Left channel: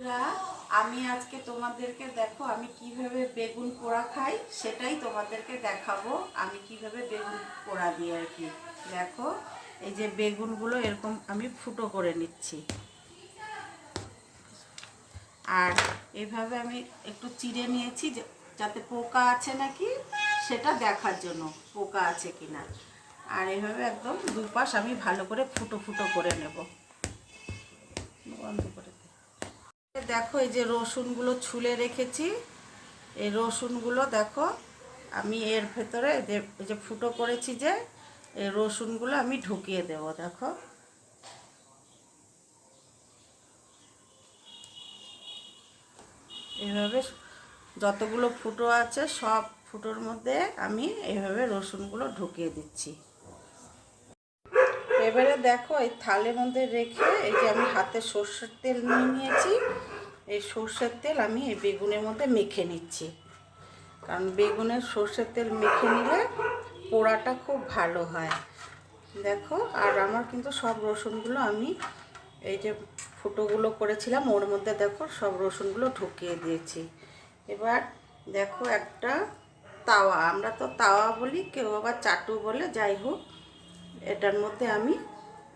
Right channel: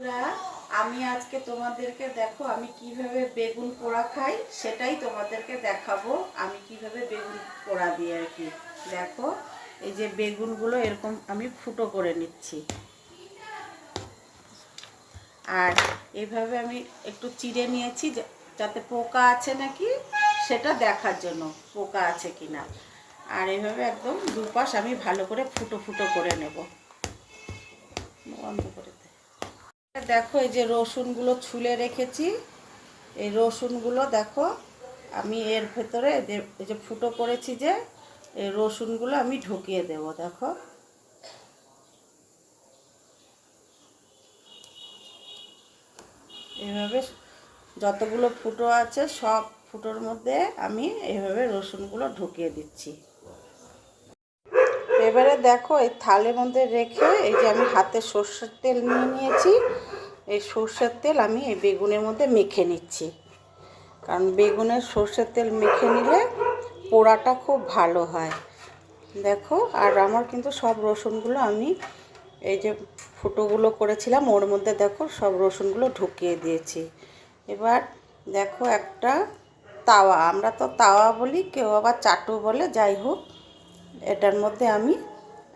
বন্ধুরা, আমি আজকে তোমাদেরকে দেখো আমি কিভাবে বেগুন পোড়া খাই সেটাই তোমাদেরকে দেখাবো। আমি কিভাবে বেগুন পোড়া দিই আর কি। দেখো এই যে বেগুনগুলো এরকম আমি ফুটো করে নিচ্ছি, আর এইভাবে আমি একটু চিড়ে নিয়েছি যাতে পোকা আছে নাকি সেটা দেখার জন্য, পোকা আছে কিনা। আর এইভাবে একদম দুপাশ আমি ভালো করে ফুটো ফুটো করে নেব। বন্ধ করে দেখো এই যে রসুনগুলো ছুলে রেখেছি, এই রসুনগুলো দেখো আমি এর ভেতরে যে ফুটো করেছি যে এই রসুনগুলো আমি ঢুকিয়ে দেব। দেখো এইভাবে যতগুলো ফুটো আছে সব ফুটোর মধ্যে আমি এইভাবে রসুনগুলো ঢুকিয়ে দিচ্ছি। এবারে দেখো এই থালের মধ্যে রেখে এই যে আমি হাতে সর্ষের তেল নিয়ে নিয়েছি, এই সর্ষের তেল আমি এই বেগুনের মধ্যে মেখে নিচ্ছি, কারণ বেগুনের সর্ষের তেল মেখে নিলে পোড়াটা খুব ভালো হয়। দেখো আর আমার কিন্তু সব রসুনগুলো আমি এই যে ফুটোগুলো করেছিলাম ওর মধ্যে দেখো সব রসুনগুলো ঢুকিয়ে দিয়েছি। এবার দেখো একটা তাওয়া, আমরা তো তাওয়া বলি, কেউ আবার চাটু বলে, যাই হোক এটার মধ্যে আমি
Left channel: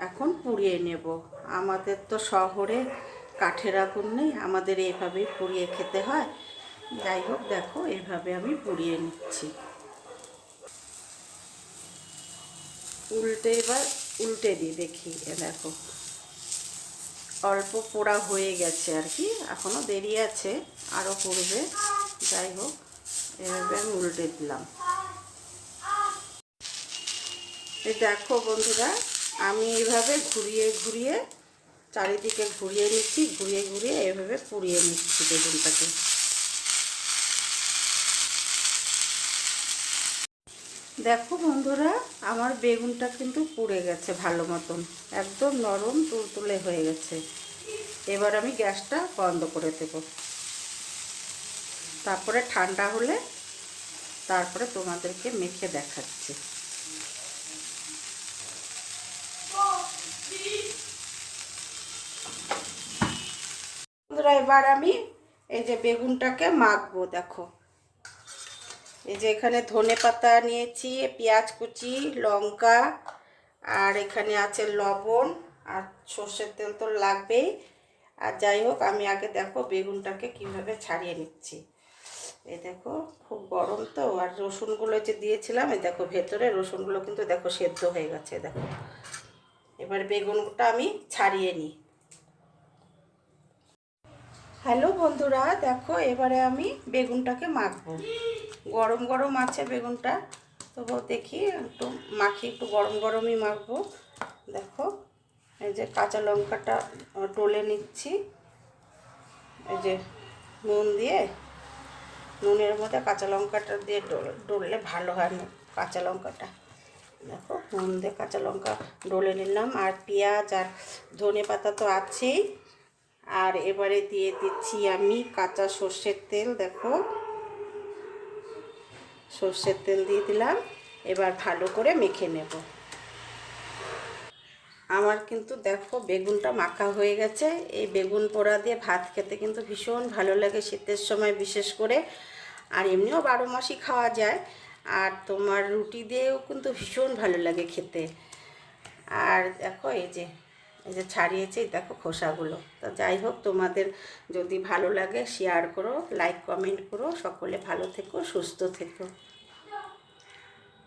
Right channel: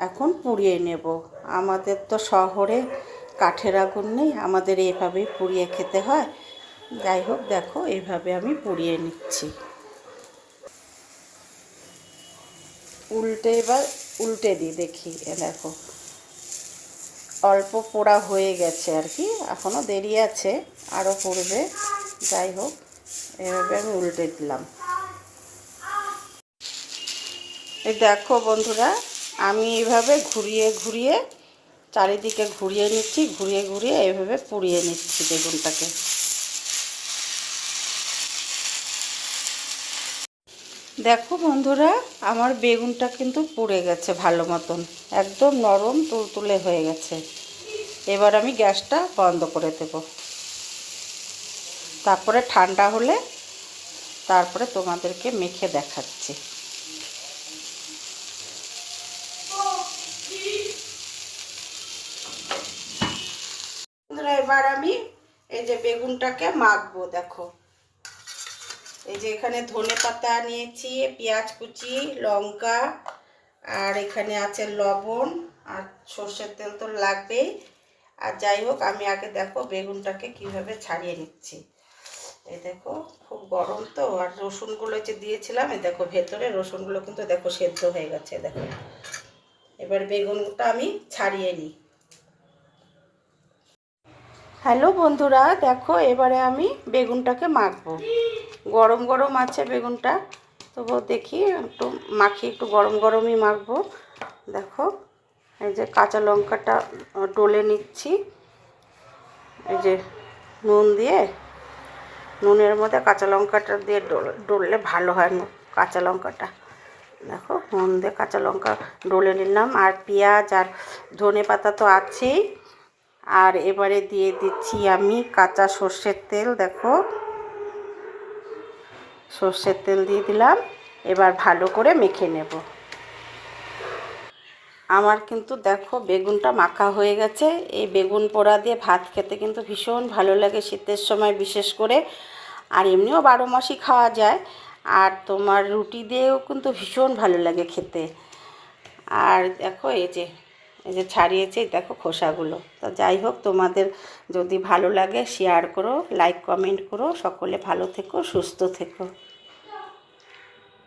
এখন পুড়িয়ে নেব। আমাদের তো শহরে কাঠের আগুন নেই, আমাদের এইভাবেই পুড়িয়ে খেতে হয়। যাই হোক দেখো এইভাবে আমি পুড়িয়ে নিচ্ছি। এবার উল্টে দিই, দেখি দেখো অল্প পোড়া হয়ে গেছে আর কি, এখনও দেরি আছে, আরও পুড়বে। যাই হোক এভাবে আমি উল্টে দিলাম। এই দেখো বন্ধুরা, আমি এইভাবে ঘুরিয়ে ঘুরিয়ে চারিদিকে ঘুরিয়ে নিচ্ছি, ঘুরিয়ে ঘুরিয়ে এইভাবে পুড়িয়ে নিচ্ছি বেগুনটাকে। দেখো বন্ধুরা, আমার বেগুনটা কিন্তু পুড়ে গেছে ভালো মতন, একদম নরম তুলতুলে হয়ে গেছে। এবার আমি গ্যাসটা বন্ধ করে দেব, তারপরে ঠান্ডা হলে তারপরে তোমাদেরকে মেখে দেখাচ্ছি। বন্ধুরা এবার আমি এই যে বেগুনটাকে মাখবো। দেখো এই যে এখানে ধনে পাতা নিয়েছি, পেঁয়াজ কুচি, লঙ্কা, আর এখানে আছে লবণ, আর সর্ষের তেল তো লাগবেই। আর যাই হোক আমি আগে দেখো বেগুনটাকে কিভাবে ছাড়িয়ে নিচ্ছি। এই দেখো খুব গরম তো, আর রসুনগুলো যে দিয়েছিলাম এই দেখো ভেতরে রসুনগুলো কিন্তু দেখো সেদ্ধ হয়ে গেছে। দেখো এবার বেগুনটা আমি ছাড়িয়ে নিই। হ্যালো বন্ধুরা, দেখো এবারে আমি বেগুনটাকে মাখবো। গরম গরম আছে বেগুনটা, তবুও দেখি একটু মাখি, একটু গরম গরমই মাখবো। দেখো এই যে কাঁচা লঙ্কাটা ডলে নিচ্ছি, এই যে নুন দিয়ে, নুনের মধ্যে কাঁচা লঙ্কাটা দিয়ে ডললে ভালো হয় কাঁচা লঙ্কাটা। দেখো নুন দিয়ে কাঁচা লঙ্কা ডলে নিলাম, আর পেঁয়াজ আর ধনে পাতা তো আছেই। আর এবারে দিয়ে দিচ্ছি আমি কাঁচা সর্ষের তেল। দেখো সর্ষের তেল দিয়ে দিলাম, এবার ভালো করে মেখে নেব। আমার কিন্তু দেখো বেগুনটা মাখা হয়ে গেছে। এই বেগুন পোড়া দিয়ে ভাত খেতে কিন্তু ভীষণ ভালো লাগে শীতের সময় বিশেষ করে, আর এমনিও 12 মাসই খাওয়া যায়। আর তোমার রুটি দিয়েও কিন্তু ভীষণ ভালো লাগে খেতে। আর দেখো এই যে ছাড়িয়েছি দেখো খোসাগুলো। তো যাই হোক তোমাদের যদি ভালো লাগে শেয়ার করো, লাইক কমেন্ট করো। সকলে ভালো থেকো, সুস্থ থেকো।